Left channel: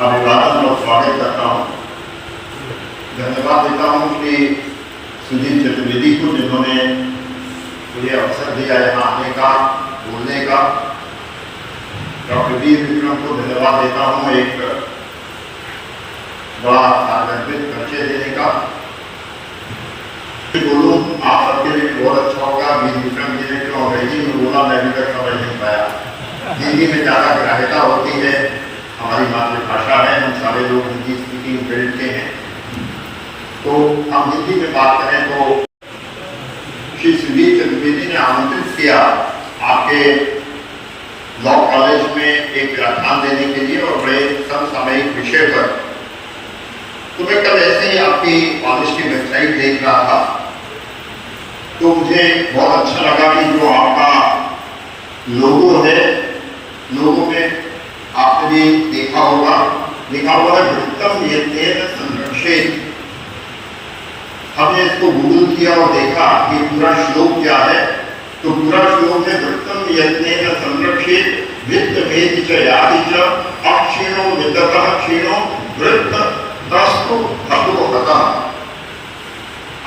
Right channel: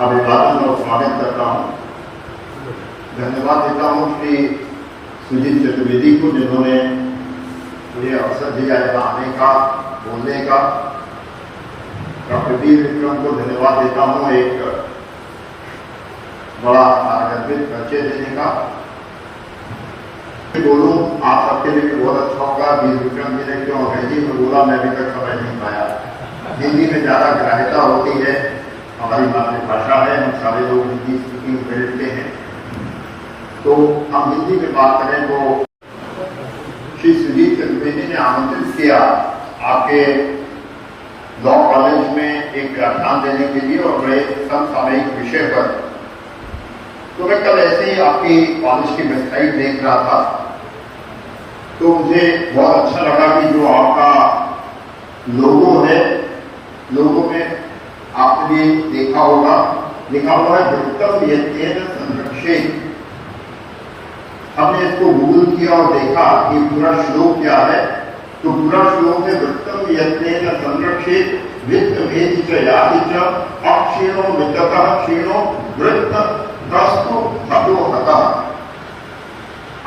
अभिवादन और स्वागत करता हूँ। धन्यवाद देता हूँ श्री सुजीत चतुर्वेदी को, जिन्होंने मुझे अवसर दिया यहाँ आने का, बोलने का। डॉक्टर वीर विक्रम को धन्यवाद देता हूँ एक बड़ा आकर्षित परिचय देने का। बोलूँ आप सबके लिए बहुत अच्छा होगा। वीर विक्रम जी ने क्यों अंग्रेजी में बोला, मैं अभी तक समझ नहीं पाया। हिंदी में ज़्यादा ग्राह्यता होती है, हमारी मातृभाषा है, हम सारे लोग हिंदी स्पीकिंग फील्ड के हैं, तो हम हिंदी में बात करें तो श्री सुजीत चतुर्वेदी ने आमंत्रित किया आपके लॉ कॉलेज में एक व्याख्यान देने के लिए और बड़े समसामयिक विषय पर। तो मैं कल ऐसे ही आपकी कॉलेज की वेबसाइट देख रहा था, तो मुझे बहुत अच्छा लगा कि जो आपका लोगो है, लोगो में आपने भी देखा होगा, लिखा हुआ है वृत्तम यत्नेन संरक्षेत। हमने इसको गूगल किया और देखा कि पूरा श्लोक क्या है। तो पूरा श्लोक है वृत्तम यत्नेन संरक्षेत वित्त भेद च याति च अक्षीणो वित्ततः क्षीणो वृत्त तस्तु हतो हतः।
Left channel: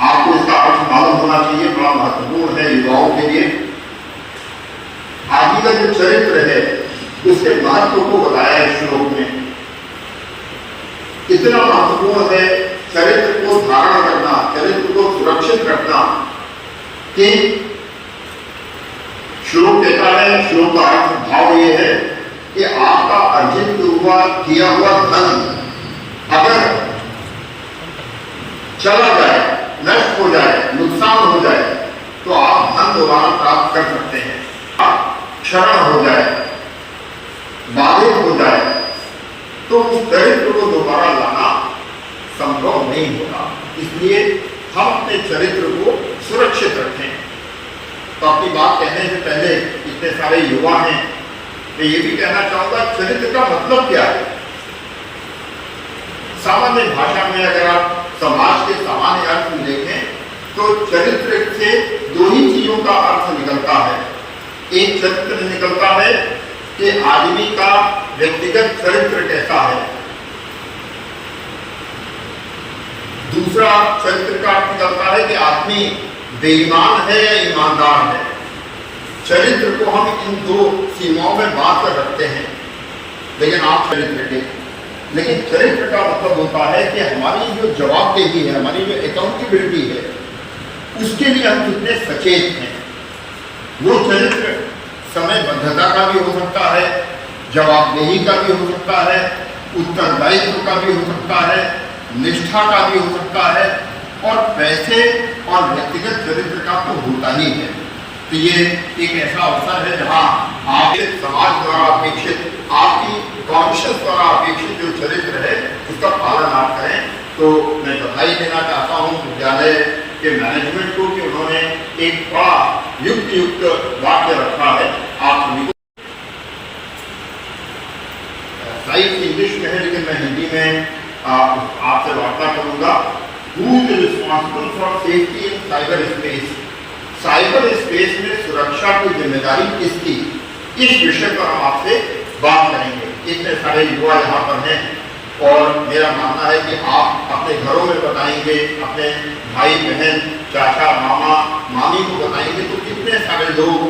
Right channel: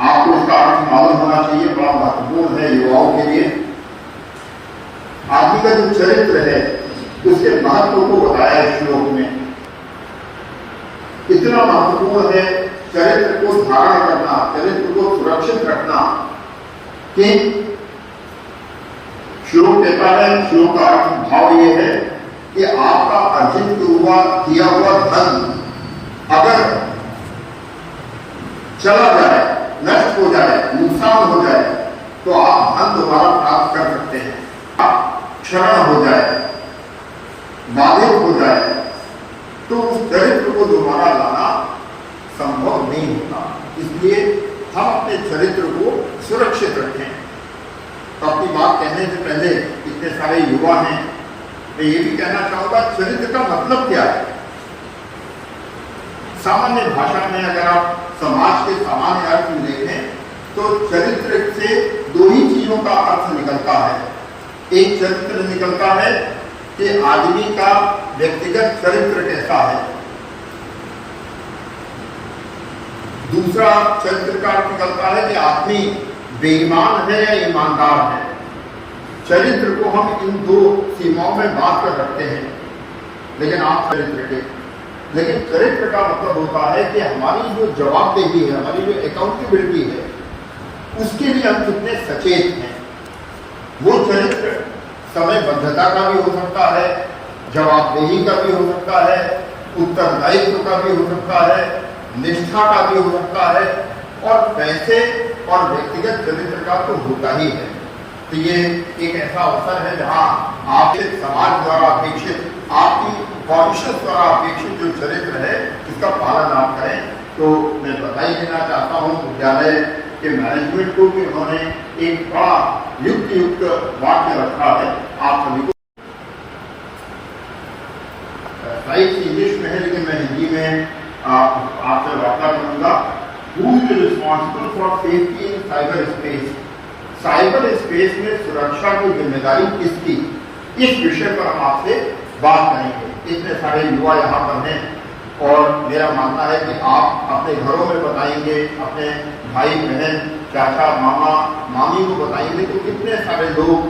आपको इसका अर्थ मालूम होना चाहिए, बड़ा महत्वपूर्ण है युवाओं के लिए। आगे का जो चरित्र है उसके महत्व को बताया इस श्लोक में। इतना महत्वपूर्ण है चरित्र को धारण करना, चरित्र को सुरक्षित रखना, कि श्लोक कहता है, श्लोक का अर्थ भाव ये है कि आपका अर्जित किया हुआ धन अगर चला जाए, नष्ट हो जाए, नुकसान हो जाए, तो आप धन दोबारा प्राप्त कर सकते हैं। आप क्षरण हो जाए, बाधित हो जाए, तो उस चरित्र को दोबारा लाना संभव नहीं होता। इसलिए हम अपने चरित्र को सुरक्षित रखें। तो अपनी बात कहने से पहले, इतने सारे युवा हैं, मैं ये भी कहना चाहूंगा चरित्र का मतलब क्या है। सामान्य भाषा में अगर आप समाज के सामान्य अर्थ में देखें तो चरित्र से दो ही चीजों का अर्थ निकलता है। एक चरित्र निकलता है कि आदमी का व्यक्तिगत चरित्र कैसा है, दूसरा चरित्र का अर्थ निकलता है कि आदमी बेईमान है या ईमानदार है। चरित्र को हम इन दो सीमाओं में बांध कर रखते हैं, लेकिन आप चरित्र के, लेकिन चरित्र का मतलब होता है कि हमारी जो जवाबदेही है, हमारी जो अकाउंटेबिलिटी है, उसके लिए हम कितने सचेत हैं। वो चरित्र समयबद्धता का भी हो सकता है, जवाबदेही का भी हो सकता है, उत्तरदायित्व का भी हो सकता है, निष्ठा का भी हो सकता है, और पैसे और व्यक्तिगत चरित्र का तो होता ही है। तो ये एक ऐसा अवसर है जहाँ आपके समाज द्वारा अपेक्षित, आपकी कॉन्शियस द्वारा अपेक्षित जो चरित्र है उसका पालन आप करें। तो मैं बधाई देना चाहता हूँ विद्यालय के मैनेजमेंट को कि उन्होंने एक बड़ा युक्त वाक्य रखा है। आप सभी को स्लाइड इंग्लिश में है, लेकिन मैं हिंदी में आपसे वार्ता करूंगा। Who is responsible for safety in cyber space. Cyber space में सुरक्षा की जिम्मेदारी किसकी, इस विषय पर हम आपसे बात करेंगे। इतने सारे युवा यहाँ पर हैं और मेरा मानना है कि आप अपने घरों में बताएंगे, अपने भाई बहन, चाचा, मामा, मामी को बताएंगे, तो कितने सारे लोग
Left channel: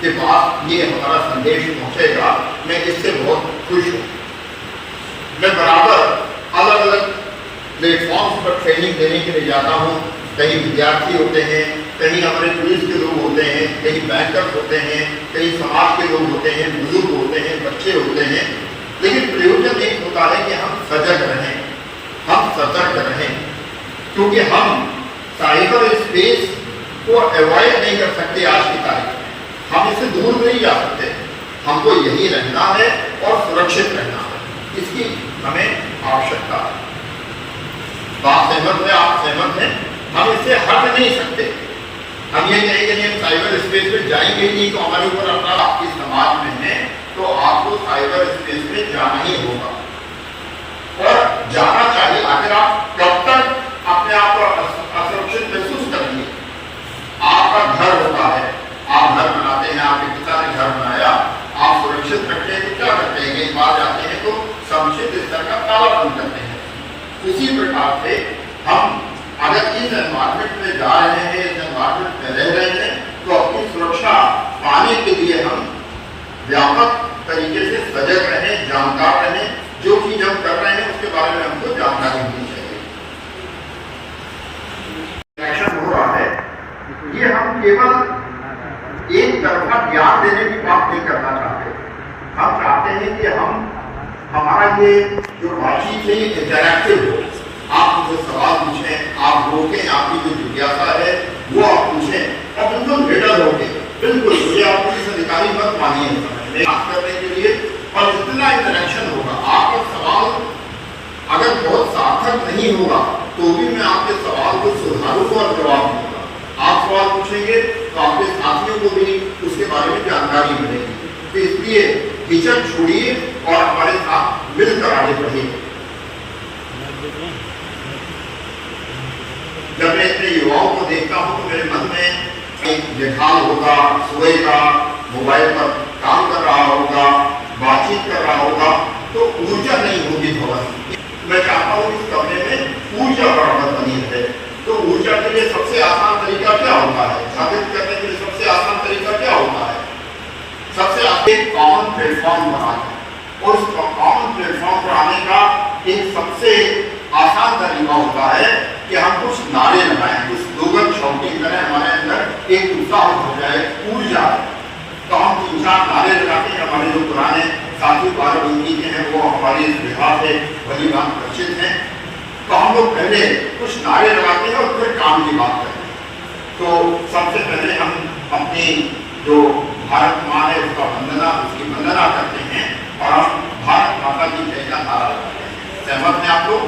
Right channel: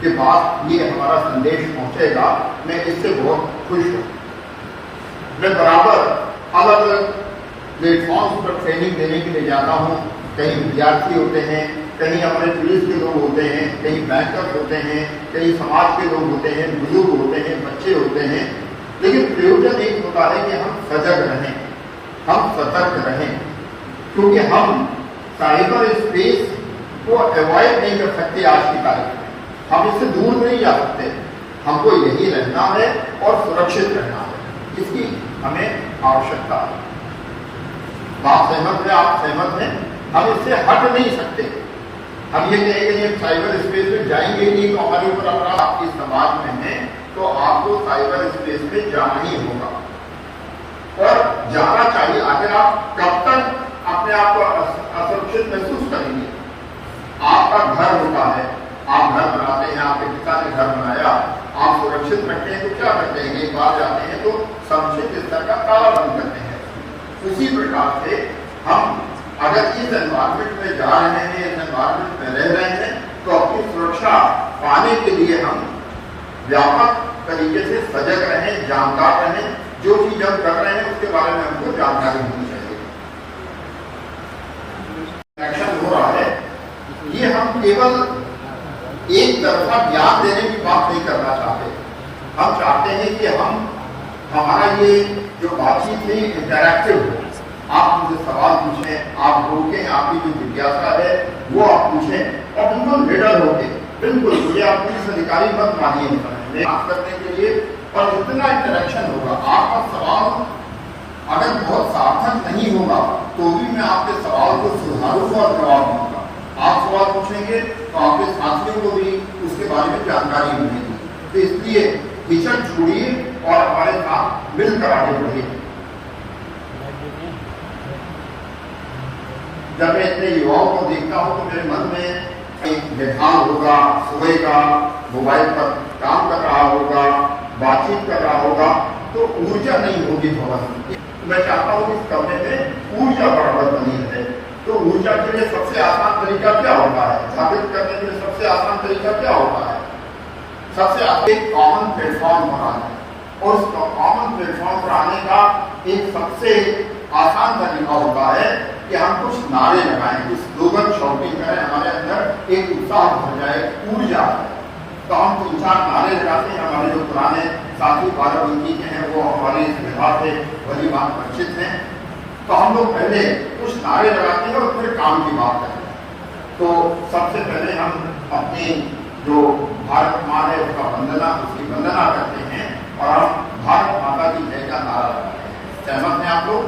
के पास ये हमारा संदेश पहुंचेगा। मैं इससे बहुत खुश हूँ। मैं बराबर अलग अलग प्लेटफॉर्म्स पर ट्रेनिंग देने के लिए जाता हूँ। कहीं विद्यार्थी होते हैं, कहीं हमारे पुलिस के लोग होते हैं, कहीं बैंकर्स होते हैं, कहीं समाज के लोग होते हैं, बुजुर्ग होते हैं, बच्चे होते हैं। लेकिन प्रयोजन एक होता है कि हम सजग रहें, हम सतर्क रहें, क्योंकि हम साइबर स्पेस को अवॉइड नहीं कर सकते। आज की तारीख में हम इससे दूर नहीं जा सकते। हमको यही रहना है और सुरक्षित रहना है, इसकी हमें आवश्यकता है। बात सहमत है, आप सहमत हैं? हम इससे हट नहीं सकते। हम ये कहेंगे कि हम साइबर स्पेस में जाएंगे नहीं तो हमारे ऊपर अपना, आपकी समाज में है तो आपको साइबर स्पेस में जाना ही होगा और जाना चाहिए। आखिर आप कब तक अपने आप को असुरक्षित महसूस करेंगे? आपका घर होता है, आप घर बनाते हैं, आपके पिता ने घर बनाया, आप सुरक्षित रखते हैं तो क्या करते हैं? एक बार जाते हैं तो सब सुरक्षित स्तर का तालाबंद करते हैं। उसी प्रकार से हम अगर इस एनवायरमेंट में जा रहे हैं, इस एनवायरमेंट में रह रहे हैं, तो अपनी सुरक्षा पाने के लिए हम व्यापक तरीके से सजग रहें, जानकार रहें। जो चीज हम कर रहे हैं उसके बारे में हमको जानकारी होनी चाहिए। एक्शन हो रहा है, ये हम केवल एक तरफा ज्ञान देने की बात नहीं करना चाहते। हम चाहते हैं कि हमारा ये जो बातचीत है इंटरैक्टिव हो। आप मुझे सवाल पूछें, आप रोकें, आपकी जो जिज्ञासा है वो आप पूछें और बिल्कुल निडर होके, बिल्कुल मुझे आप पुलिस अधिकारी मत मानिए बात करने के लिए। और जितना इंटरेक्शन होगा, आपका सवाल अगर बहुत सार्थक नहीं होगा तो भी मैं आपके सवाल को सुधारूंगा और जवाब दूंगा। आप सवाल पूछेंगे तो आपके साथियों को भी उसके बारे में जानकारी मिलेगी। तो इसलिए हिचक छोड़िए और हमारे साथ मिलकर आगे बढ़िए। जब मैं इतने युवाओं को देखता हूँ तो मेरे मन में एक निखार होगा, सोएगा, मोबाइल पर काम कर रहा होगा, बातचीत कर रहा होगा, तो ऊर्जा नहीं होगी भवन। मैं चाहता हूँ इस कमरे में ऊर्जा बराबर बनी रहे। तो ऊर्जा के लिए सबसे आसान तरीका क्या होता है? साबित करने के लिए सबसे आसान तरीका क्या होता है? सबसे आगे कॉमन प्लेटफॉर्म बनाना, और उस कॉमन प्लेटफॉर्म पर आने का एक सबसे आसान तरीका होता है कि हम कुछ नारे लगाएं, कुछ स्लोगन शॉटिंग करें, हमारे अंदर एक उत्साह हो जाए, ऊर्जा। तो हम 3-4 नारे लगाते हैं। हमारे जो पुराने साथी 12 के हैं वो हमारी इस विभाग से भली बात परिचित हैं। तो हम लोग पहले कुछ नारे लगाते हैं और फिर काम की बात करते हैं। तो सबसे पहले हम अपनी जो भारत माँ है उसकी वंदना करते हैं और हम भारत माता की जय का नारा लगाते हैं। सहमत हैं आप लोग?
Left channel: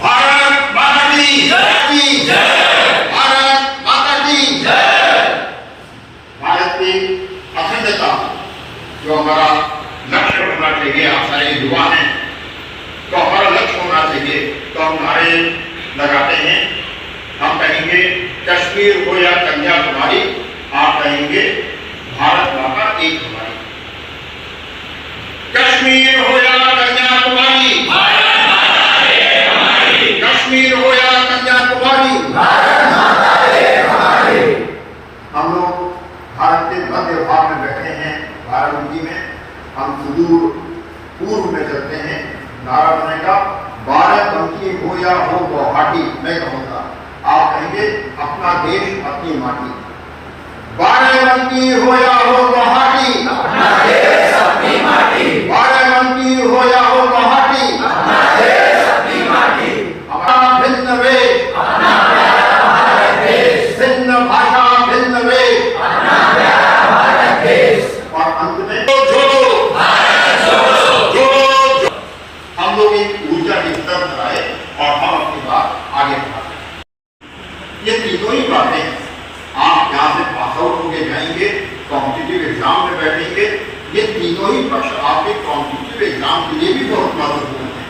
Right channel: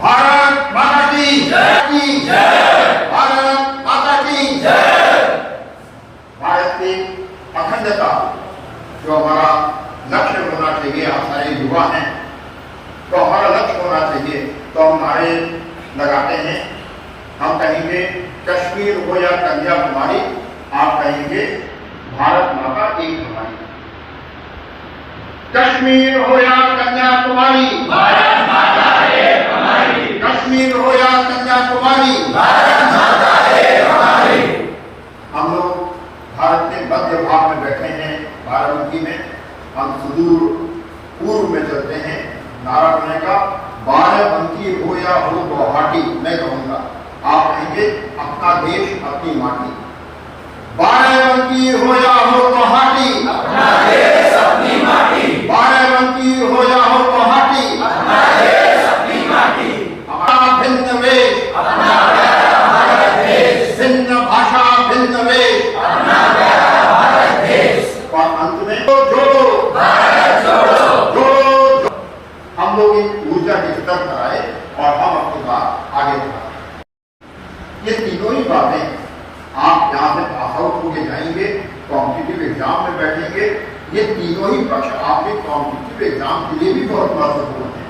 भारत माता की जय, भारत माता की जय। भारत की अखंडता जो हमारा लक्ष्य होना चाहिए, आप सारे युवा हैं तो हमारा लक्ष्य होना चाहिए। तो हम नारे लगाते हैं। हम कहेंगे कश्मीर हो या कन्याकुमारी, आप कहेंगे भारत माता एक हमारी। कश्मीर हो या कन्याकुमारी, भारत माता एक हमारी। कश्मीर हो या कन्याकुमारी, भारत माता एक हमारी। हम लोग भारत के मध्य भाग में बैठे हैं, बाराबंकी में। हम सुदूर पूर्व में चलते हैं। नारा बनेगा बाराबंकी हो या हो गुवाहाटी। मैं कहूँगा, आप कहेंगे अपना देश अपनी माटी। बाराबंकी हो या हो गुवाहाटी, अपना देश अपनी माटी। बाराबंकी हो या हो गुवाहाटी, अपना देश अपनी माटी। हमारा भिन्न वेश, अपना प्यारा भारत देश। भिन्न भाषा, भिन्न वेश, अपना प्यारा भारत देश। और अंत में जोड़ो भारत जोड़ो, जोड़ो जो। हम लोग एक ऊर्जा की स्तर कराए और हम अपनी बात आगे बढ़ाएं। ये तीनों ही बातें आप यहाँ से पास आउट होके जाएंगे, कॉम्पिटिटिव एग्जाम में बैठेंगे। ये तीनों ही पक्ष आपके कॉम्पिटिटिव एग्जाम के लिए भी बहुत महत्वपूर्ण है।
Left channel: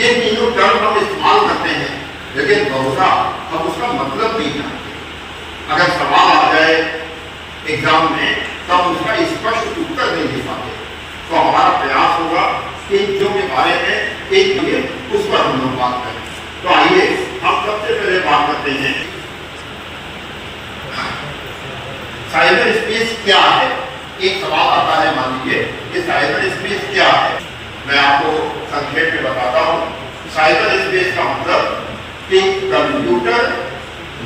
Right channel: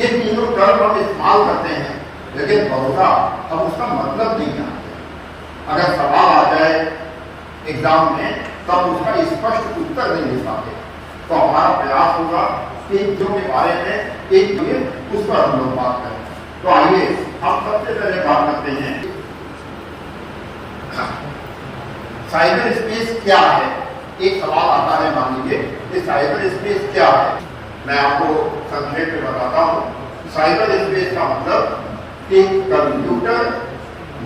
ये तीनों टर्म हम इस्तेमाल करते हैं, लेकिन बहुधा हम उसका मतलब नहीं जानते। अगर सवाल आ जाए एग्जाम में तो हम उसका स्पष्ट उत्तर नहीं दे पाते। तो हमारा प्रयास होगा कि जो के बारे में एक लिए उस पर हम लोग बात करें। तो आइए हम सबसे पहले बात करते हैं साइबर स्पेस क्या है। एक सवाल आता है, मान लीजिए कि साइबर स्पेस क्या है। मैं आपको संक्षेप में बताता हूँ। साइबर स्पेस का मतलब कि कंप्यूटर,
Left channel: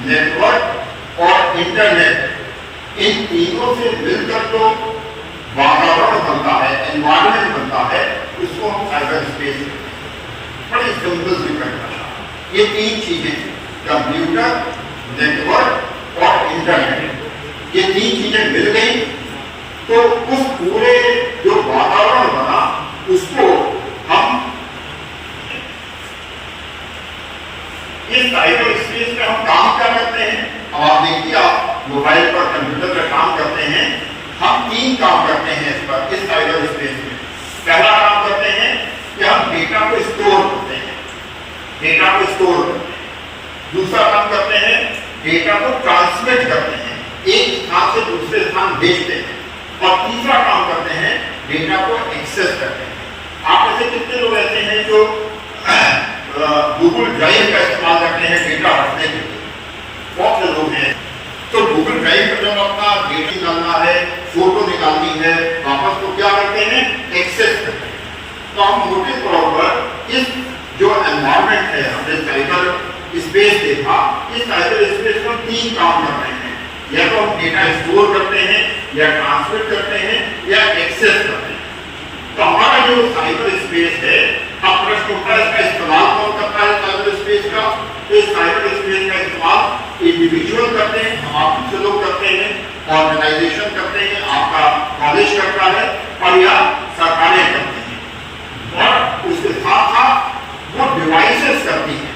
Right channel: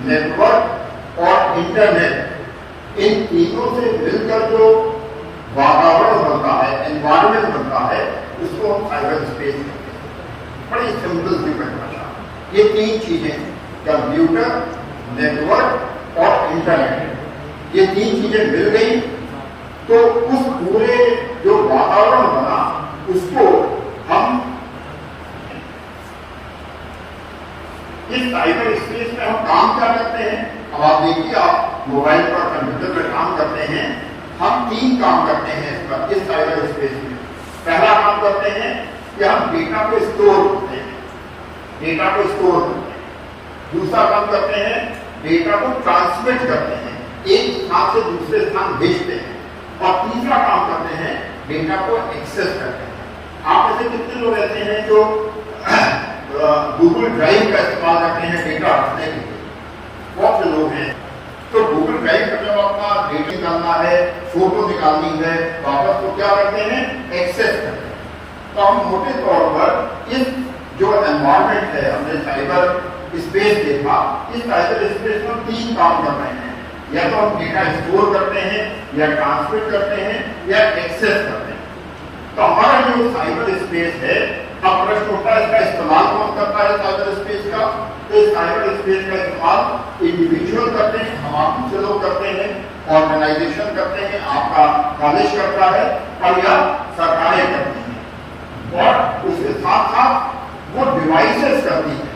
नेटवर्क और इंटरनेट, इन तीनों से मिलकर जो वातावरण बनता है, एनवायरनमेंट बनता है, उसको हम साइबर स्पेस कहते हैं। बड़ी सिंपल सी परिभाषा। ये तीन चीजें, कंप्यूटर, नेटवर्क और इंटरनेट, ये तीन चीजें मिल गई तो उस पूरे जो वातावरण बना उसको हम इस साइबर स्पेस में हम काम क्या करते हैं। अब आप देखिए, आप मोबाइल पर, कंप्यूटर पर काम करते हैं। हम 3 काम करते हैं इस पर, इस साइबर स्पेस में। पहला काम करते हैं कि हम डेटा को स्टोर करते हैं, डेटा को स्टोर करते हैं। दूसरा काम करते हैं, डेटा को ट्रांसमिट करते हैं, एक स्थान से दूसरे स्थान भेजते हैं। और तीसरा काम करते हैं, डेटा को एक्सेस करते हैं। आप में कितने लोग ऐसे हैं जो गूगल ड्राइव का इस्तेमाल करते हैं डेटा रखने के लिए? बहुत से लोग हैं। तो गूगल ड्राइव पर जब अपना डेटा निकालना है, फोटो निकालनी है, वापस तो क्या करते हैं? एक्सेस करते हैं। तो हम मोटे तौर पर इस जो एनवायरनमेंट है, हमने साइबर स्पेस देखा, इस साइबर स्पेस में 3 काम कर रहे हैं। या तो हम डेटा स्टोर करते हैं, या ट्रांसमिट करते हैं, या एक्सेस करते हैं। तो हमारा जो साइबर स्पेस है, अब प्रश्न उठता है इसका इस्तेमाल कौन करता है साइबर स्पेस का? तो इस साइबर स्पेस का इस्तेमाल इंडिविजुअल करते हैं, हम आप से लोग करते हैं, ऑर्गेनाइजेशन करते हैं, आपका कॉलेज करता है, और या सरकारें करती हैं। और उसके साथ साथ वो डिवाइसेस करती हैं,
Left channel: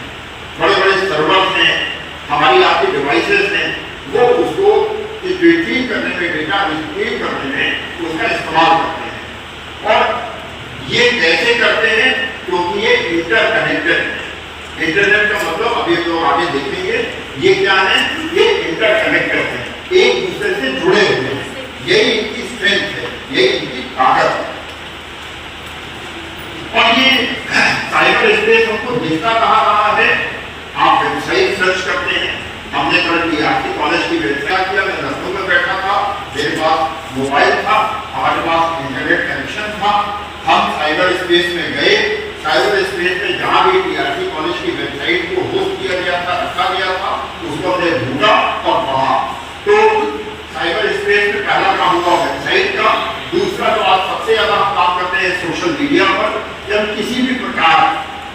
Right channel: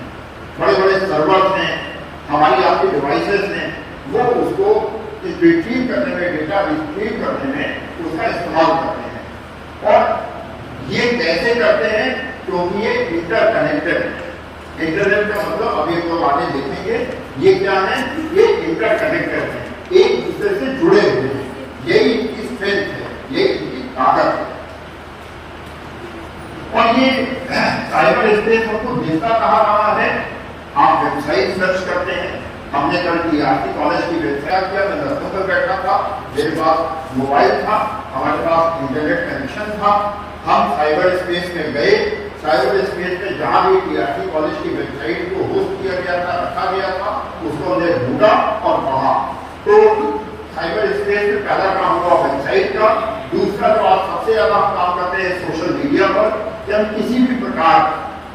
बड़े बड़े सर्वर्स हैं, हमारी आपकी डिवाइसेस हैं, वो उसको रिट्रीव करने में, डेटा रिट्रीव करने में उसका इस्तेमाल करते हैं। और ये कैसे करते हैं? क्योंकि ये इंटरकनेक्टेड है। इंटरनेट का मतलब अभी लोग आगे देखेंगे, ये क्या है? ये इंटरकनेक्टेड है, एक दूसरे से जुड़े हुए हैं। यही इनकी स्ट्रेंथ है, यही इनकी ताकत है। और ये साइबर स्पेस हमको दिखता कहाँ रहा है? आप वेबसाइट सर्च करते हैं। हमने कल DRC कॉलेज की वेबसाइट किया, मैं लखनऊ में बैठा था, मेरे पास मोबाइल था, हमारे पास इंटरनेट कनेक्शन था, हम साइबर स्पेस में गए। साइबर स्पेस में जहाँ भी DRC कॉलेज की वेबसाइट को होस्ट किया गया था, रखा गया था, उसको हमने ढूंढा और पढ़ा। तो साइबर स्पेस में पहला काम हुआ वेबसाइट का। दूसरा जो आज सबसे ज्यादा हम काम करते हैं सोशल मीडिया पर। जब किसी भी प्रकार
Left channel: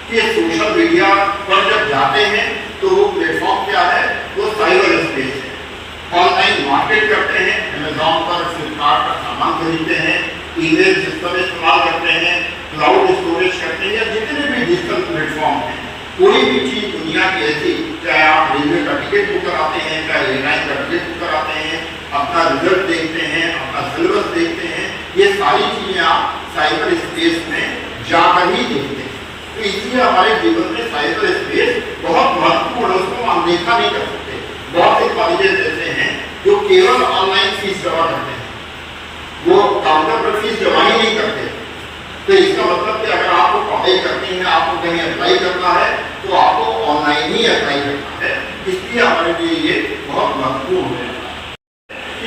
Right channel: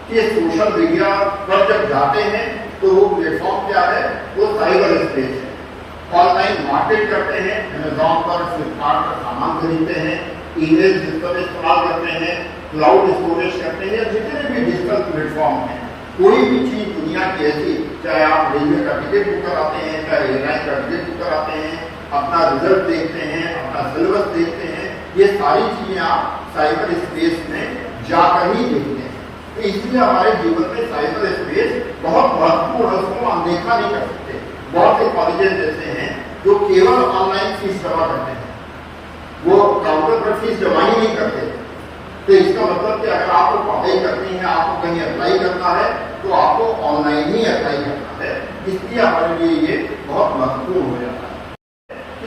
के सोशल मीडिया पर जब जाते हैं तो वो प्लेटफॉर्म क्या है? वो साइबर स्पेस है। ऑनलाइन मार्केट करते हैं, अमेज़न पर, फ्लिपकार्ट पर सामान खरीदते हैं, ईमेल सिस्टम इस्तेमाल करते हैं, क्लाउड स्टोरेज करते हैं, या जितने भी डिजिटल प्लेटफॉर्म हैं, कोई भी चीज दुनिया की ऐसी, चाहे आप रेलवे का टिकट बुक कराते हैं, चाहे एयरलाइन का टिकट बुक कराते हैं, अपना रिजल्ट देखते हैं, अपना सिलेबस देखते हैं, ये सारी चीजें आप साइबर स्पेस में जाकर ही देखते हैं। तो इसलिए हमारे जीवन में साइबर स्पेस बहुत महत्वपूर्ण है, उसको हम अनदेखा नहीं कर सकते। बहुत से कॉलेजेस ऐसे हैं जो केवल ऑनलाइन फीस जमा करते हैं, वो काउंटर पर फीस जमा ही नहीं करते। तो इसका मतलब कि अगर आपको पढ़ाई करनी है, आपको कहीं अप्लाई करना है, तो आपको ऑनलाइन ही अप्लाई करना है। इसलिए हमारे लिए ये बहुत महत्वपूर्ण है।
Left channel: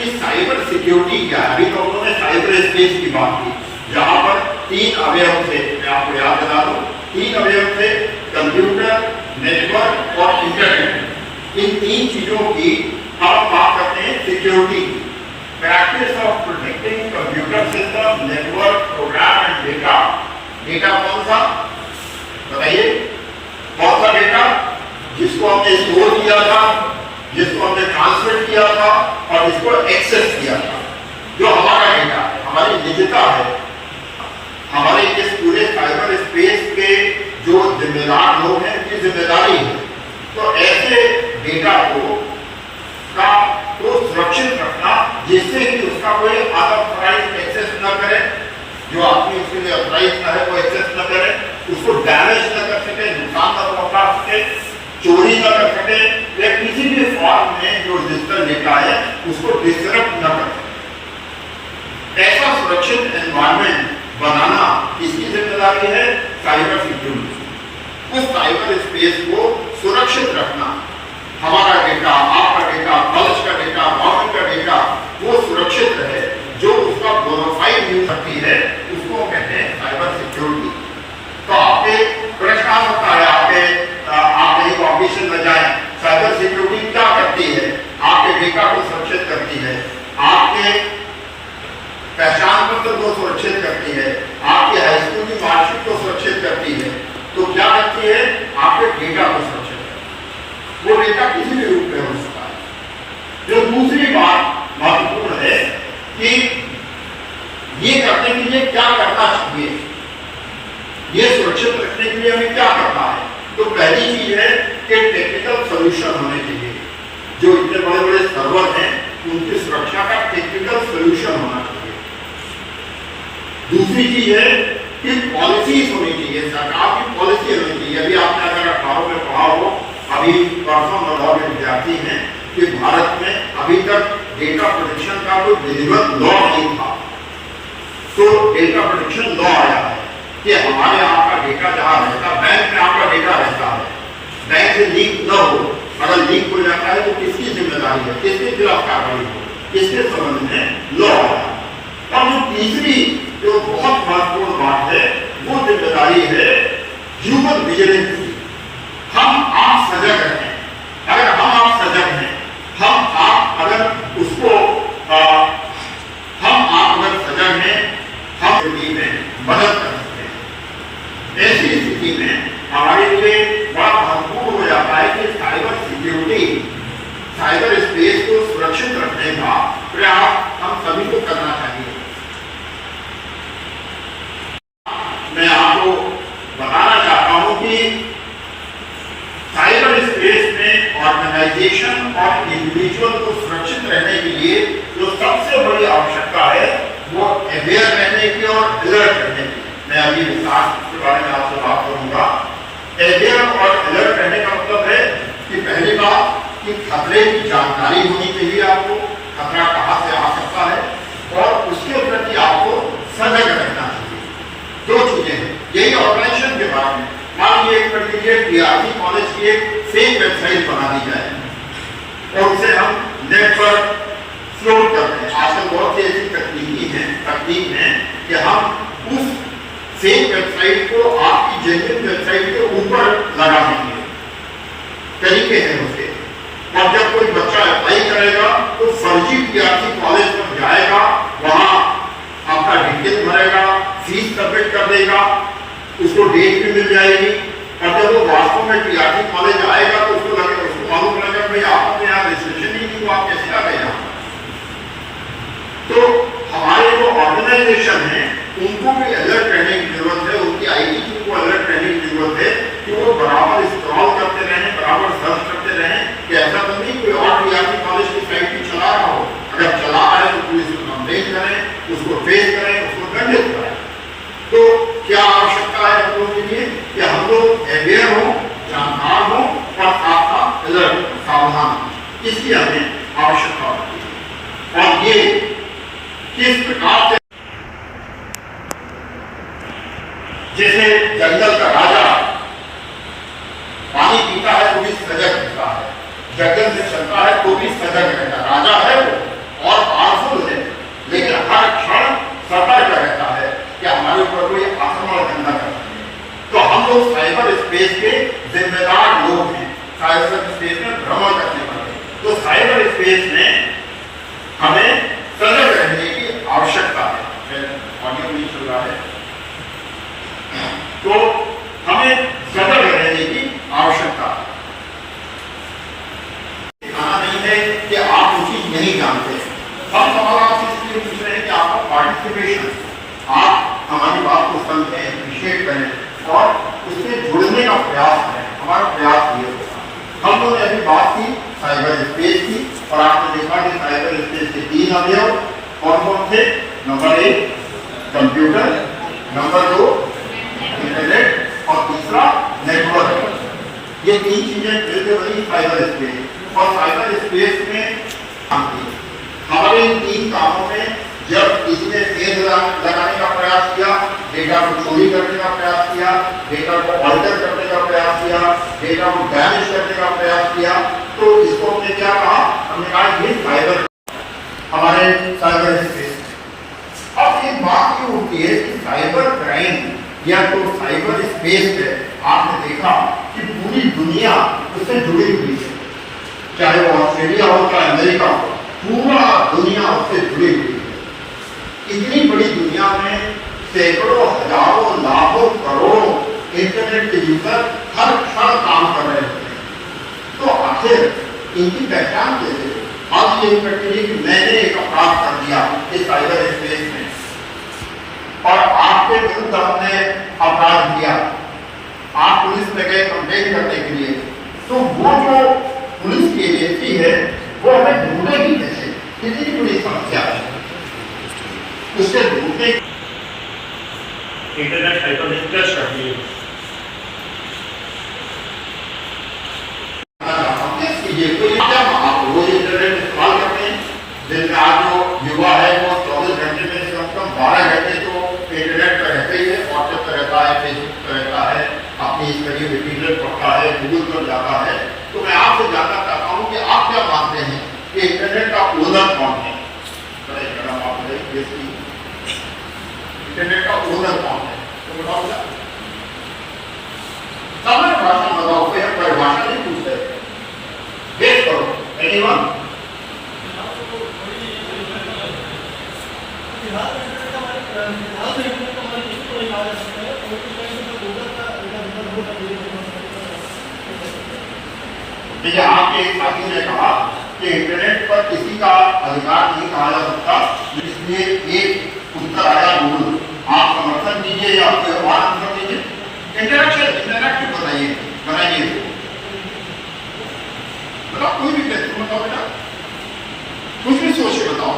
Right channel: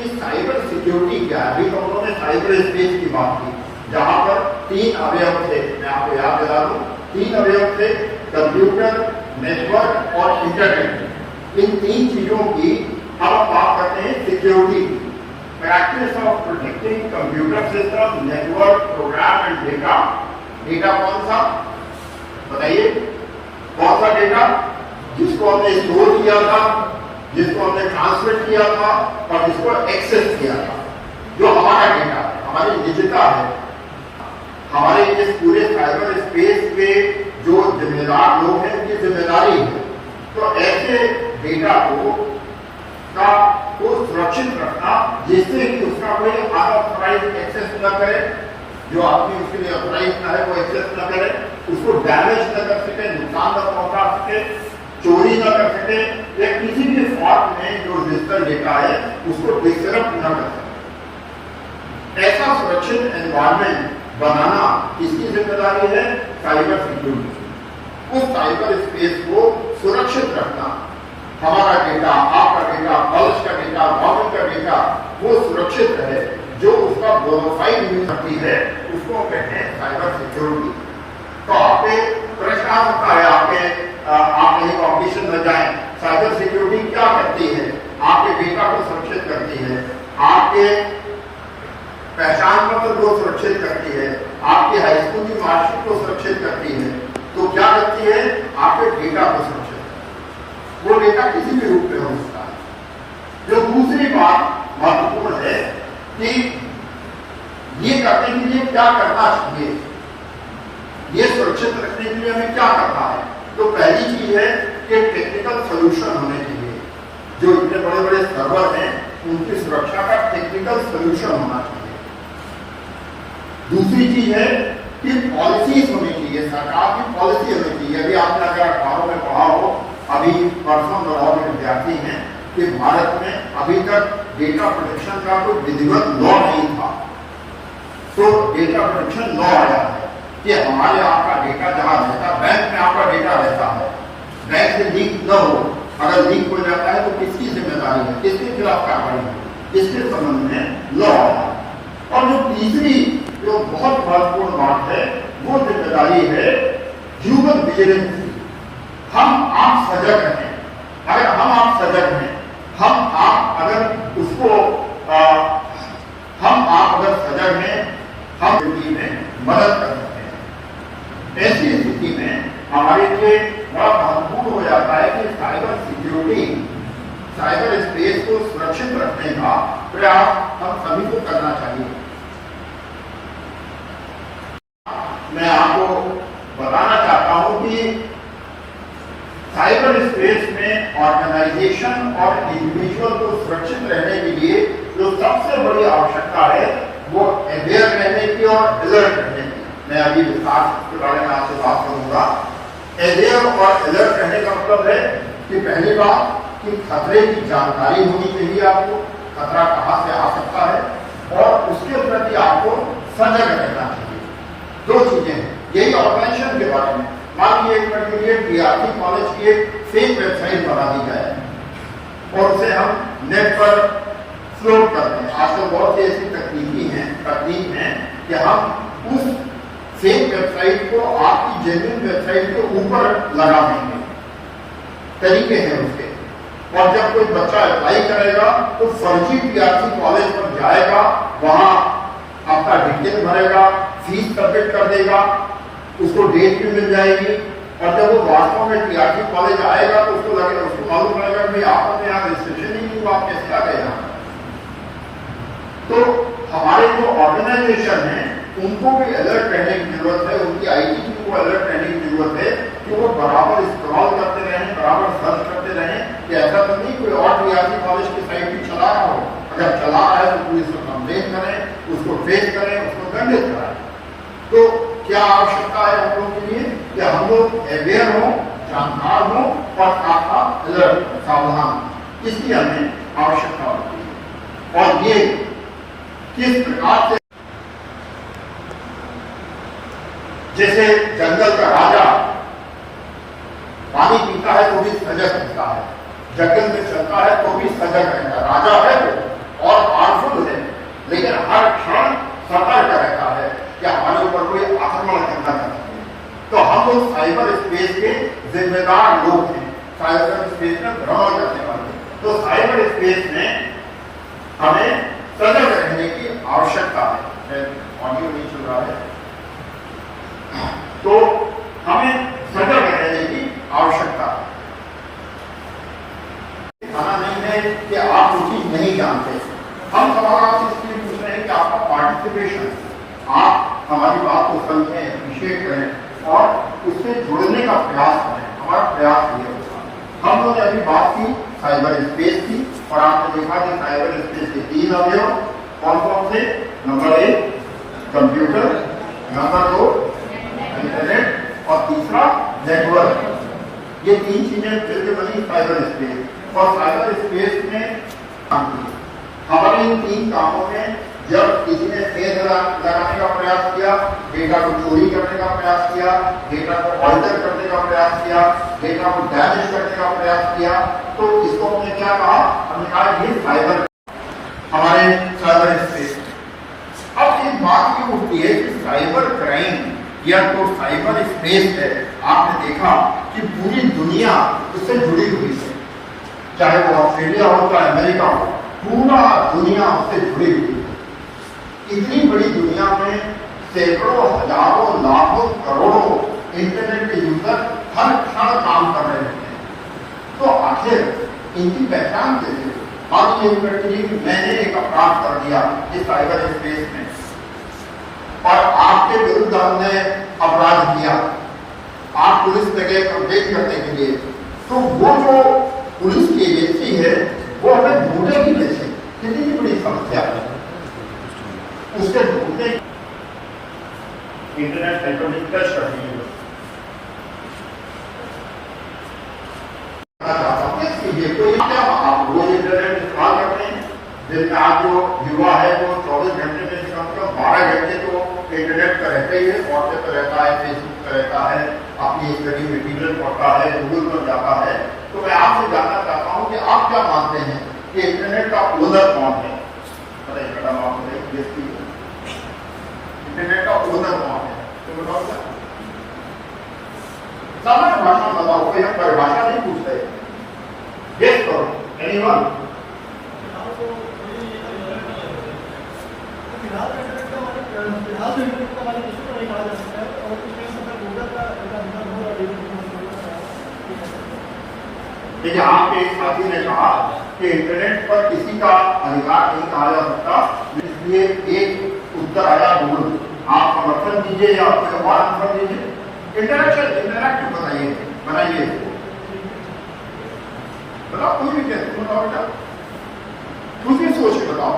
इस साइबर सिक्योरिटी क्या है? अभी तो उन्होंने साइबर स्पेस की बात की, जहां पर 3 अवयव थे। मैं आपको याद दिला दूं, 3 अवयव थे: कंप्यूटर, नेटवर्क और इंटरनेट। इन 3 चीजों की हम बात करते हैं security. Practice of protecting computer system, network, program and data. Data कौन सा? बताइए, कौन सा डेटा? जिसको हमने स्टोर किया था, जिसको हमने ट्रांसमिट किया था, और जिसको एक्सेस किया था, जो हमारा डेटा है, हमारी निजता है। हमारे इस पूरे साइबर स्पेस के जो जिम्मेदार लोग हैं, उनकी जिम्मेदारी है। तो ऐसे डेटा को सुरक्षित रखना, जिससे कि उसका कोई अनऑथराइज्ड एक्सेस न करे, जो आदमी उसके लिए ऑथराइज ना है वो एक्सेस न करे, उसको डैमेज न कर सके, नुकसान न पहुंचा सके, चोरी न कर सके, या किसी भी फॉर्म में जो डिजिटल डेटा है उसको डिसरप्ट न कर सके। ऐसा सुरक्षित एनवायरनमेंट बनाना किसकी जिम्मेदारी है? Cyber security. उस साइबर स्पेस को सुरक्षित रखना, हमारा डेटा, आपका डेटा, कॉलेज का डेटा, गवर्नमेंट का डेटा, वो सुरक्षित रहे, जो उसका बोनाफाइड यूज करती है, उसको कहते हैं साइबर सिक्योरिटी। तो आपके प्रश्न आ सकता है, आप कहीं कॉम्पिटिशन में जाए, साइबर सिक्योरिटी क्या करती है? आपके डेटा को सुरक्षित करती है, आपके पहचान पत्र को सुरक्षित करती है, आपके हाई स्कूल की मार्कशीट को सुरक्षित करती है। तो क्या करती है? आपके डेटा को सुरक्षित करती है। वो डेटा किसी भी रूप में हो सकता है। जो दूसरी बात महत्वपूर्ण है कि ये करने के लिए क्या करना चाहिए, ये सुरक्षित रखने के लिए हमें क्या करना है? तो पहली चीज है कि टेक्निकल सॉल्यूशन होने चाहिए। जो इतने बड़े बड़े सर्वर हैं, उनकी सुरक्षा का टेक्निकल सॉल्यूशन होना चाहिए। दूसरी चीज है कि पॉलिसीज होनी चाहिए, सरकार की पॉलिसी होनी चाहिए। अभी आपने अगर अखबारों में पढ़ा हो, अभी परसों लाहौर के विद्यार्थी हैं कि भारत में अभी तक डेटा प्रोटेक्शन का कोई विधिवत लॉ नहीं था। तो डेटा प्रोटेक्शन लॉ आया है कि हमारे कैसे लीक न हो, अगर लीक हो जाता है तो किसकी जिम्मेदारी है, किसके खिलाफ कार्रवाई हो, किसके संबंध में लॉ। और जो तीसरी जो बहुत महत्वपूर्ण बात है वो जिम्मेदारी है ह्यूमन विजिलेंस की। हम आप सजग हैं, अगर हम आप सजग हैं, हम आप अगर उसको हम आप अगर सजग हैं, हम स्थिति में मदद कर सकते हैं। ऐसी स्थिति में हमारे लिए बड़ा महत्वपूर्ण हो जाता है कि साइबर सिक्योरिटी, साइबर स्पेस को सुरक्षित रखने का प्रयास हम सभी को करना चाहिए। मैं आपको बताना चाहता हूं कि साइबर स्पेस में ऑर्गेनाइजेशन और इंडिविजुअल को सुरक्षित रहने के लिए जो सबसे बड़ी आवश्यकता है वो अवेयर रहने की और अलर्ट रहने की। मैं अभी विस्तार के बारे में आपसे बात करूंगा। अवेयर और अलर्ट रहने का मतलब है कि पहली बात कि खतरे की जानकारी होनी चाहिए आपको, खतरा कहां से आ सकता है, और उसके प्रति आपको सजग रहना चाहिए। दो चीजें हैं, यही ऑर्गेनाइजेशन के बारे में। मान लीजिए एक पर्टिकुलर डीआरसी कॉलेज की एक फेक वेबसाइट बना दी जाए और उसे हम नेट पर फ्लोट करते हैं। आजकल बहुत सी ऐसी तकनीक है कि हम उस फेक वेबसाइट को आपकी जेन्युइन वेबसाइट के ऊपर लगा देंगे, तरीके हैं उसके। और जब कोई बच्चा अप्लाई करेगा तो फर्जी डीआरसी कॉलेज पर जाएगा, वहां आपका डिटेल भरेगा, फीस सबमिट कर देगा, उसको डेट भी मिल जाएगी, और जब वो वास्तव में डीआरसी कॉलेज आएगा तो उसको मालूम रहेगा भाई आपका यहाँ रजिस्ट्रेशन ही नहीं हुआ, आप कैसे आ गए यहाँ पर। तो हमारे जो ऑर्गेनाइजेशन है उनको भी अलर्ट रहने की जरूरत है, उनकी आईटी टीम को अलर्ट रहने की जरूरत है कि वो बराबर स्क्रॉल करते रहें, बराबर सर्च करते रहें कि ऐसा तो नहीं कोई और डीआरसी कॉलेज की साइट भी चला रहा हो। अगर चला रहा है तो पुलिस को कंप्लेन करें, उसको फेस करें, उसको दंडित करें। तो क्या आवश्यकता है हम लोगों के लिए कि हम लोग अवेयर हों, जानकार हों और साथ साथ अलर्ट, सावधान, इसकी हमें आवश्यकता होती है। और ये किस प्रकार से, जैसे जंगल का राजा पानी पीता है तो भी सजग रहता है, जंगल में चलता है तो भी सजग रहता है। राजा है वो और पावरफुल है, लेकिन हर क्षण सतर्क रहता है कि हमारे ऊपर कोई आक्रमण करना चाहता है। तो हम लोग साइबर स्पेस के जिम्मेदार लोग हैं, साइबर स्पेस में भ्रमण करने वाले। तो साइबर स्पेस में हमें सजग रहने की आवश्यकता है। ऑडियो नहीं चल रहा है, तो हमें सजग रहने की आवश्यकता है। खाना नहीं है कि आप कुछ चीज नहीं जानते। हम सवाल आप इसलिए पूछ रहे हैं कि आपका पार्टिसिपेशन, आप हमारी बात को समझें, अप्रिशिएट करें और उससे जुड़ने का प्रयास करें। हमारा प्रयास ये होगा। हम लोग ने अभी बात की साइबर स्पेस की, और आपने देखा कि साइबर स्पेस के 3 अवयव कौन कौन थे। नंबर 1 कंप्यूटर, नंबर 2 इंटरनेट और तीसरा नेटवर्क। ये 3 चीजें मिलकर बनी साइबर स्पेस। और साइबर स्पेस में हमारे इन 3 कामों में जब किसी ने तेज लगाने का प्रयास किया, डेटा को चोरी करने का प्रयास किया, डेटा को ऑल्टर करने का प्रयास किया, डेटा को डैमेज करने का प्रयास किया, तो इसको हमने क्या कहा, हमने कहा ये साइबर, हमारे साइबर स्पेस। अब एक बात ये होती है कि साइबर क्राइम या तो साइबर स्पेस है, आपने देखा कि पूरी दुनिया उससे जुड़ी हुई है, चाहे वो ऑस्ट्रेलिया हो चाहे अमेरिका हो, पूरा दुनिया उससे जुड़ी हुई है। इतनी बड़ी दुनिया में सैकड़ों, हजारों, लाखों, करोड़ों इंटरनेट के यूजर हर क्षण काम कर रहे होते हैं। तो आखिर इनकी पहचान कैसे? अब ये कि मैंने एक अपराध कर दिया इस साइबर स्पेस में और आपके विरुद्ध हमने अपराध किया, आप पुलिस में गए कंप्लेन करने के लिए, तो वो जो पुलिस की एजेंसी है वो हमें ढूंढेगी कैसे? कितनी बड़ी समस्या है उससे ढूंढने। इंटरनेट साइबर टच करती है। आप रोज इंटरनेट इस्तेमाल करते हैं, दिन का जो युवा है वो 24 घंटे में कम 12 घंटे तो इंटरनेट पर रहते ही है, व्हाट्सएप पर रहता है, फेसबुक पर रहता है, अपनी फेस करिए, मटीरियल पढ़ता है, गूगल पर जाता है, तो मैं आपसे जानना चाहता हूँ कि आप क्या मानते हैं कि इंटरनेट का ओनर कौन है? अरे मैडम आप बताइए, इंटरनेट का ओनर कौन है? तो बताओ क्या? सामान्य भाषा में बताओ, कोई हम परिभाषा नहीं पूछते, गेस करो, एनीवन? देखिए, आपके एक साथी ने कहा कि इंटरनेट पर किसी का अधिकार नहीं कहा जा सकता, इसलिए एक उत्तर आया गूगल। आप समर्थन दीजिए या कोई और आंसर दीजिए। इंटरनेट बताइए, बनाइए, बताओ, कोई भी कहते बताओ बेटा, कुछ भी सोच के बताओ,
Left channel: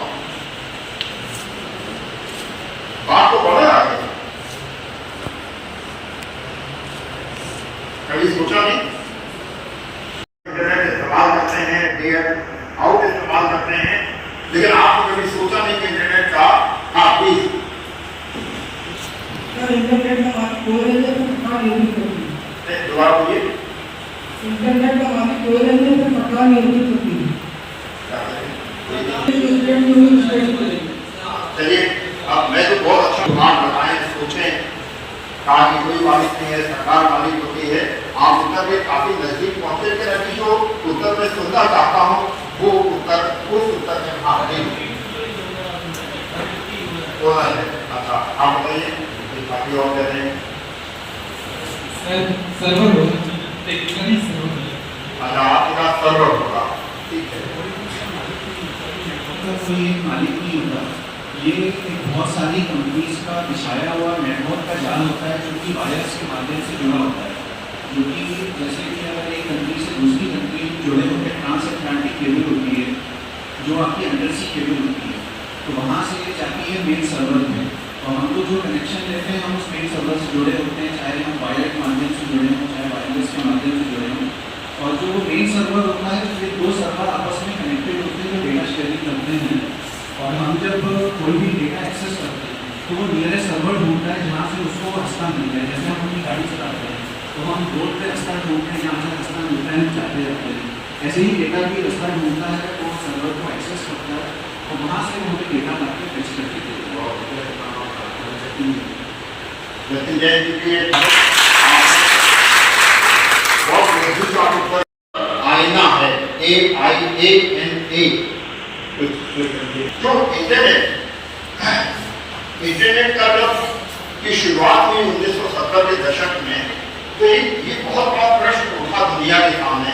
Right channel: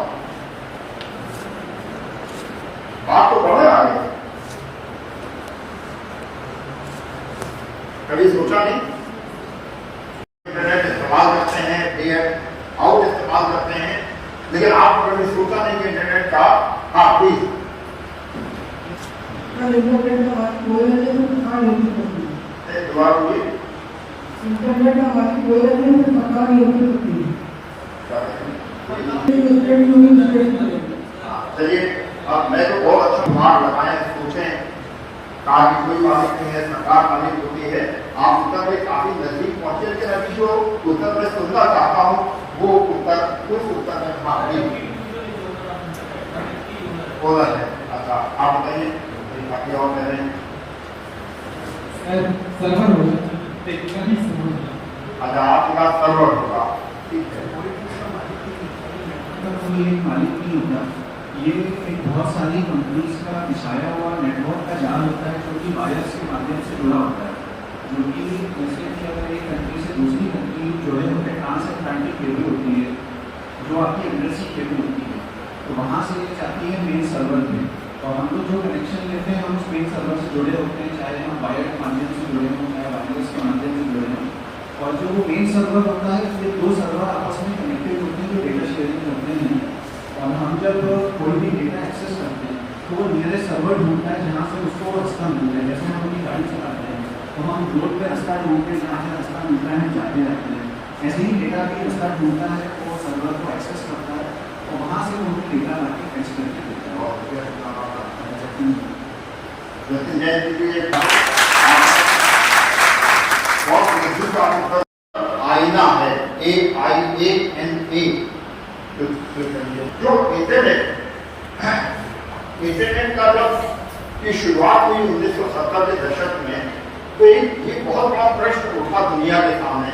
बात को बढ़े आगे। कभी सोचा नहीं? इंटरनेट इस्तेमाल करते हैं, डे आउट इस्तेमाल करते हैं, लेकिन आपने कभी सोचा नहीं कि इंटरनेट का, हाँ प्लीज, इंटरनेट का मालिक हो रहे थे तो सरकार नहीं करती। दोबारा बोलिए। इंटरनेट का मालिक हो रहे थे तो सरकार नहीं करती। चलिए, अब मैं तो बहुत अच्छा बात बताए, सोचें, कहा कि कोई मालिक नहीं है, सरकार मालिक होती है। आप उत्तर में काफी नजदीक पहुंचे, लेकिन अभी जो उत्तर में सुनना चाहता हूँ वो उत्तर, उस उत्तर में आप नहीं बोलना है। अच्छा, आप बताइए, बाकी और कह रहे हैं सर्वर होगा, अच्छा आपका सर्वर होगा, ठीक है। कोई मालिक नहीं होता, ये एक बहुत सारी कंपनीज का बिछाया हुआ नेटवर्क का जाल होता है, जो कि वायर्स के माध्यम से जुड़ा होता है। जो कि जैसे कि अगर एक कंट्री से दूसरी कंट्री जुड़े होकर ट्रांसअटलांटिक केबल होती है, जो आपकी अंडर सी केबल होती है, तो वहाँ से जाती है मेन सर्वर में, और हम लोग जो कनेक्शन लेते हैं हम उस मेन सर्वर से जुड़े होते हैं, चाहे हम वायर के माध्यम से जुड़े हों, चाहे वायरलेस के माध्यम से जुड़े हों। और जो मेन सर्वर होता है, ये दो सर्वर आपस में कनेक्टेड होते हैं, जो डेटा शेयरिंग करते हैं। और हम जब कोई भी डेटा एक्सेस करते हैं तो वो नियरेस्ट सर्वर ढूंढता है जहाँ से उसको रास्ता मिल जाए। जैसे हम अपनी गाड़ी चलाते हैं तो हम रोड पे रास्ता ढूंढते हैं, जहाँ से रास्ता मिलता है हम जाते रहते हैं। ऐसे ही डेटा भी रास्ता ढूंढता है, वो सर्वर को एक्सेस करता है और वहाँ से हमें डेटा लाके फैच करके देता है। आईना है, AIANA। जो इंटरनेट का जब की शुरुआत हुई 1970 के दशक में, तो ये बहुत बड़ा प्रश्न उठा दुनिया के सामने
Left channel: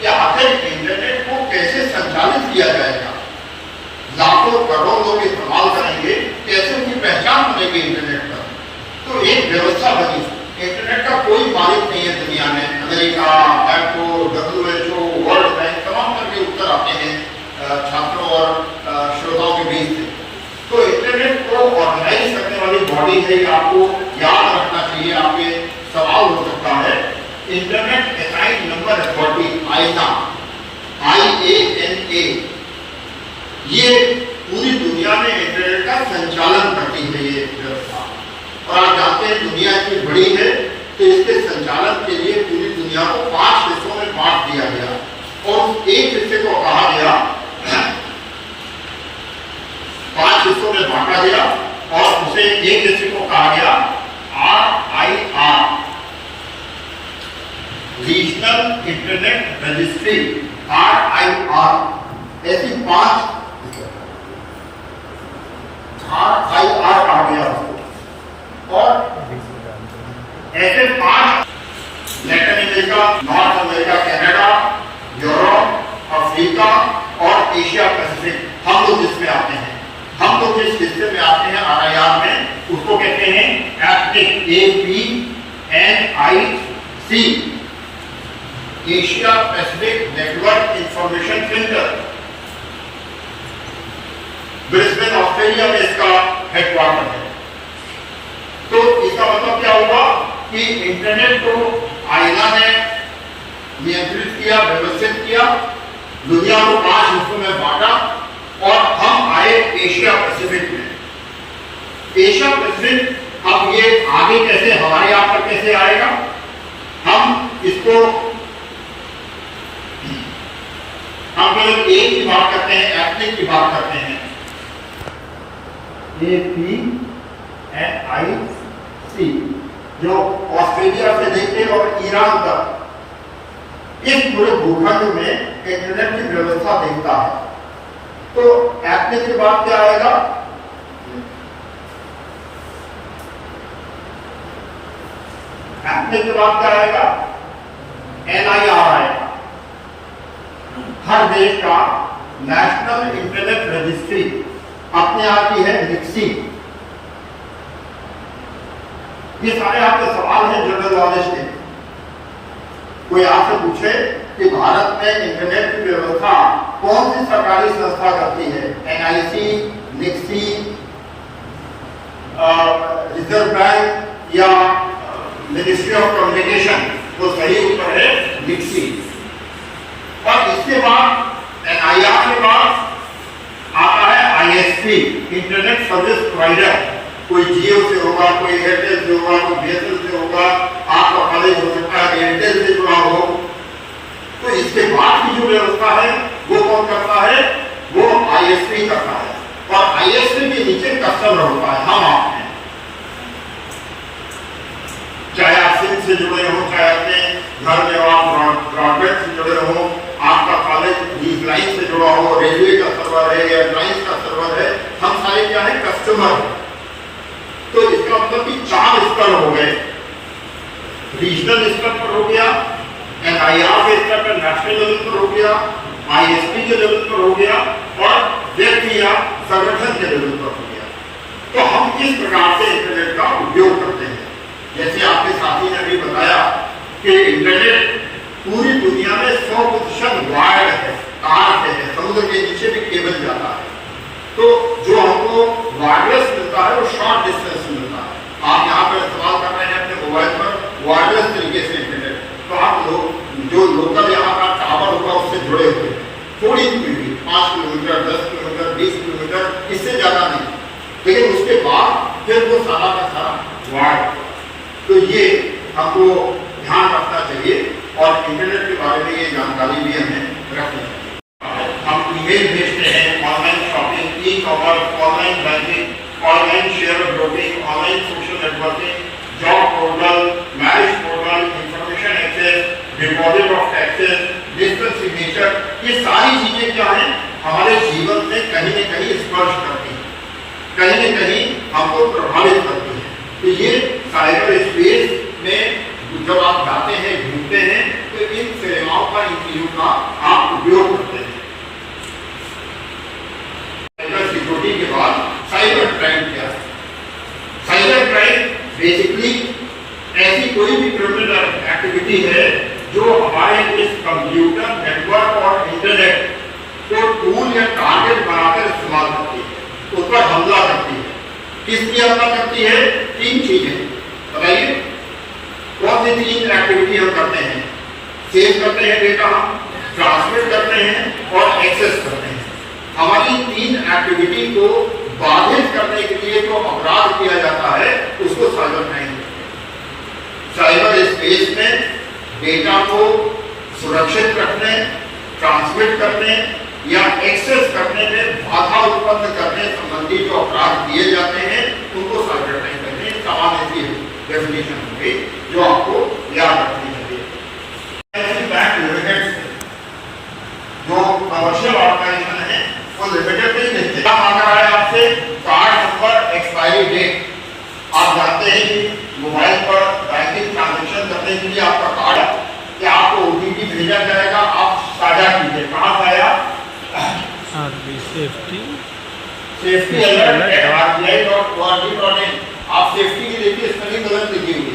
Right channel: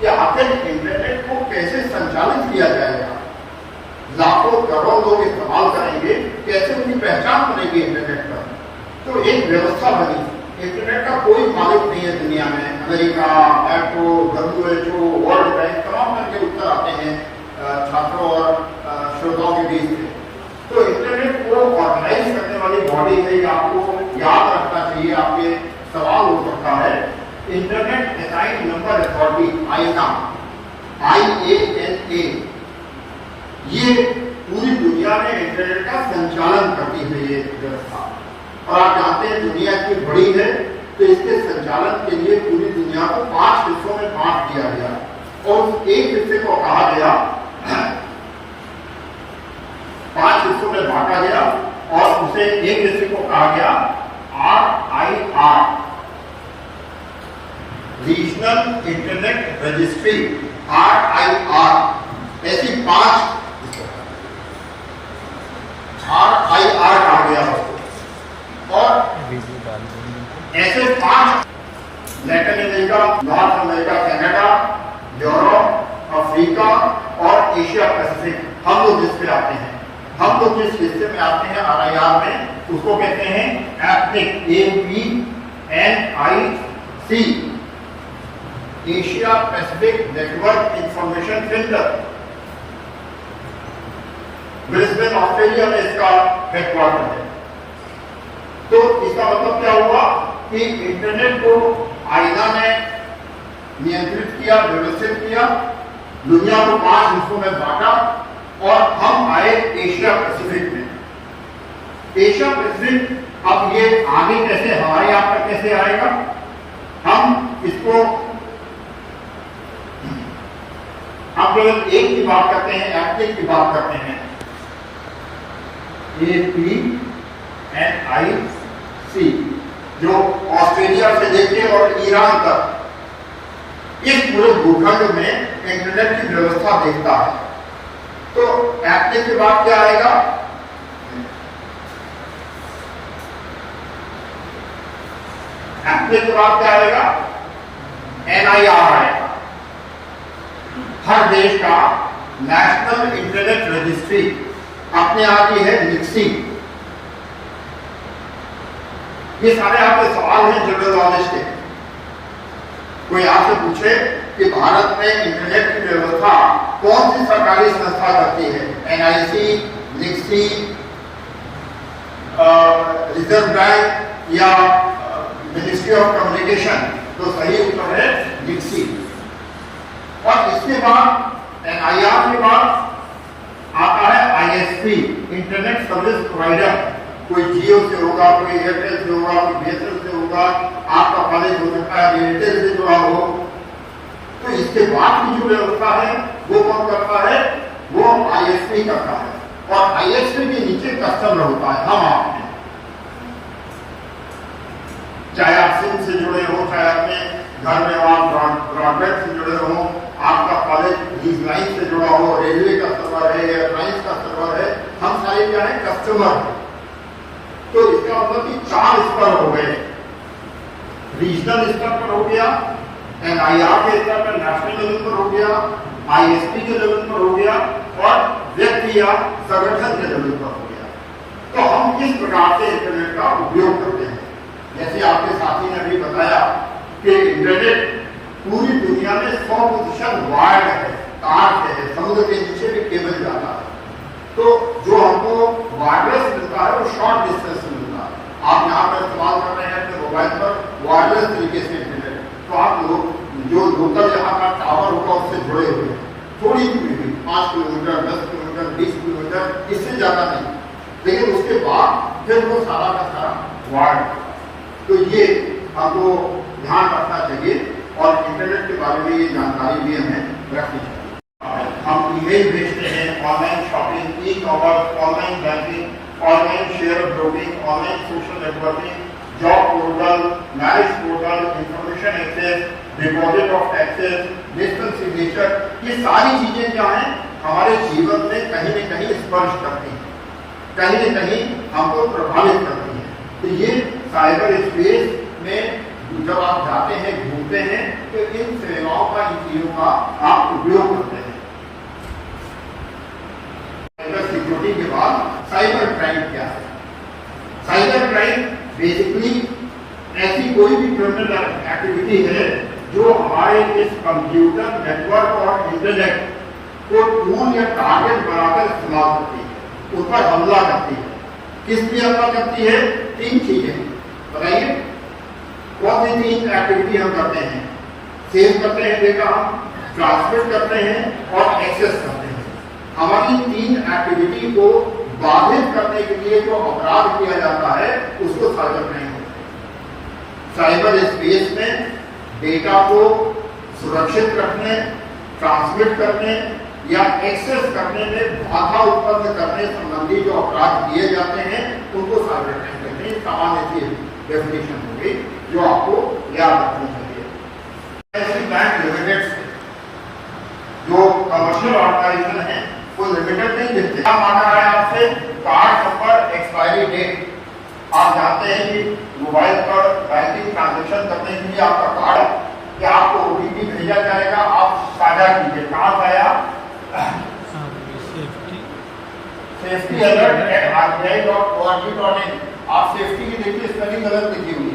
कि आखिर इंटरनेट को कैसे संचालित किया जाएगा। लाखों करोड़ों लोग इस्तेमाल करेंगे, कैसे उनकी पहचान बनेगी इंटरनेट पर। तो एक व्यवस्था बनी। इंटरनेट का कोई मालिक नहीं है दुनिया में। अमेरिका, एप्को, WHO, वर्ल्ड बैंक, तमाम तरह के उत्तर आते हैं छात्रों और श्रोताओं के बीच से। तो इंटरनेट को ऑर्गेनाइज करने वाली बॉडी है, ये आपको याद रखना चाहिए। आपके सवाल हो सकता है, इंटरनेट असाइंड नंबर अथॉरिटी, आईना, IANA, ये पूरी दुनिया में इंटरनेट का संचालन करती है ये व्यवस्था। और आप जानते हैं दुनिया इतनी बड़ी है, तो इसके संचालन के लिए पूरी दुनिया को 5 हिस्सों में बांट दिया गया और एक हिस्से को कहा गया, 5 हिस्सों में बांटा गया और उसे एक हिस्से को कहा गया RIR, regional internet registry, RIR। ऐसी 5 RIR कहा गया उसको। और ऐसे 5 Latin America, north America, Canada, Europe, Africa और एशिया पैसिफिक, हम लोग जिसमें आते हैं, हम लोग जिस हिस्से में आते हैं RIR में, उसको कहते हैं एप्निक, APNIC, Asia Pacific network information centre. Brisbane, Australia में इसका हेडक्वार्टर है। तो इसका मतलब क्या हुआ कि इंटरनेट को आईना ने नियंत्रित किया, व्यवस्थित किया, दुनिया को 5 हिस्सों में बांटा और हम आए एशिया पैसिफिक में। एशिया पैसिफिक अब ये आगे कैसे हमारे यहाँ पर कैसे आएगा, इसको हम केवल ए की बात करते हैं, एप्लिक की बात करते हैं, APNIC, जो ऑस्ट्रेलिया से लेके और ईरान तक इस पूरे भूखंड में इंटरनेट की व्यवस्था देखता है। तो एप्लिक के बाद क्या आएगा? एप्लिक के बाद क्या आएगा? NIR आएगा। हर देश का नेशनल इंटरनेट रजिस्ट्री अपने आप ही है निक्सी। ये सारे आपके सवाल हैं जनरल नॉलेज के। कोई आपसे पूछे कि भारत में इंटरनेट की व्यवस्था कौन सी सरकारी संस्था करती है, NIC, निक्सी, रिजर्व बैंक या मिनिस्ट्री ऑफ कम्युनिकेशन? तो सही उत्तर है निक्सी। और इसके बाद NIR के बाद आता है ISP, इंटरनेट सर्विस प्रोवाइडर। कोई जियो से होगा, कोई एयरटेल से होगा, कोई BSNL से होगा, आपका कॉलेज हो सकता है एयरटेल से जुड़ा हो। तो इसके बाद की जो व्यवस्था है वो कौन करता है? वो ISP करता है। और ISP के नीचे कस्टमर होता है, हम आप हैं। चाहे आप सिम से जुड़े हो, चाहे अपने घर में आप ब्रॉडबैंड से जुड़े हो, आपका कॉलेज लीज लाइन से जुड़ा हो, रेलवे का सर्वर है, एयरलाइंस का सर्वर है, हम सारे क्या है? कस्टमर है। तो इसका मतलब कि 4 स्तर हो गए। रीजनल स्तर पर हो गया, NIR के स्तर पर नेशनल लेवल पर हो गया, ISP के लेवल पर हो गया और व्यक्ति या संगठन के लेवल पर हो गया। तो हम किस प्रकार से इंटरनेट का उपयोग करते हैं? जैसे आपके साथी ने अभी बताया कि इंटरनेट पूरी दुनिया में 100% वायर्ड है, तार से है, समुद्र के नीचे भी केबल जाता है। तो जो हमको वायरलेस मिलता है वो शॉर्ट डिस्टेंस मिलता है। आप यहाँ पर इस्तेमाल कर रहे हैं अपने मोबाइल पर वायरलेस तरीके से इंटरनेट, तो आप लोग जो लोकल यहाँ का टावर होगा उससे जुड़े हुए हैं, थोड़ी दूरी भी 5 किलोमीटर, 10 किलोमीटर, 20 किलोमीटर, इससे ज्यादा नहीं। लेकिन उसके बाद फिर वो सारा का सारा वायर्ड। तो ये हमको ध्यान रखना चाहिए और इंटरनेट के बारे में ये जानकारी भी हमें रखनी चाहिए। हम ईमेल भेजते हैं, online shopping, e-commerce, online banking, online share broking, online social networking, job portal, marriage portal, information access, deposit of taxes, digital signature, ये सारी चीजें क्या हैं? हमारे जीवन में कहीं न कहीं स्पर्श करती हैं, कहीं न कहीं हमको प्रभावित करती हैं। तो ये साइबर स्पेस में जब आप जाते हैं, घूमते हैं, तो इन सेवाओं का, इन चीजों का आप उपयोग करते हैं। साइबर सिक्योरिटी के बाद साइबर क्राइम क्या है? साइबर क्राइम बेसिकली ऐसी कोई भी क्रिमिनल एक्टिविटी है जो हमारे इस कंप्यूटर नेटवर्क और इंटरनेट को टूल या टारगेट बनाकर इस्तेमाल करती है, उस पर हमला करती है। किस लिए हमला करती है? 3 चीजें बताइए। कौन सी 3 एक्टिविटी हम करते हैं? सेव करते हैं डेटा, ट्रांसमिट करते हैं और एक्सेस करते हैं। हमारी 3 एक्टिविटी को बाधित करने के लिए जो अपराध किया जाता है उसको साइबर क्राइम कहते हैं। साइबर स्पेस में डेटा को सुरक्षित रखने, ट्रांसमिट करने या एक्सेस करने में बाधा उत्पन्न करने संबंधी जो अपराध किए जाते हैं उनको साइबर क्राइम कहते हैं। सामान्य सी डेफिनेशन हो गई जो आपको याद रखनी चाहिए। बैंक लिमिटेड जो कमर्शियल ऑर्गेनाइजेशन है वो लिमिटेड नहीं देते। क्या मांग रहा है आपसे? Card number, expiry date. आप जानते हैं कि मोबाइल पर बैंकिंग ट्रांजेक्शन करने के लिए आपका कार्ड क्या आपको OTP भेजा जाएगा, आप साझा कीजिए। कहाँ से आया? safety alert@rbi.org.in। आप सेफ्टी के लिए स्पेलिंग गलत लिखी हुई है।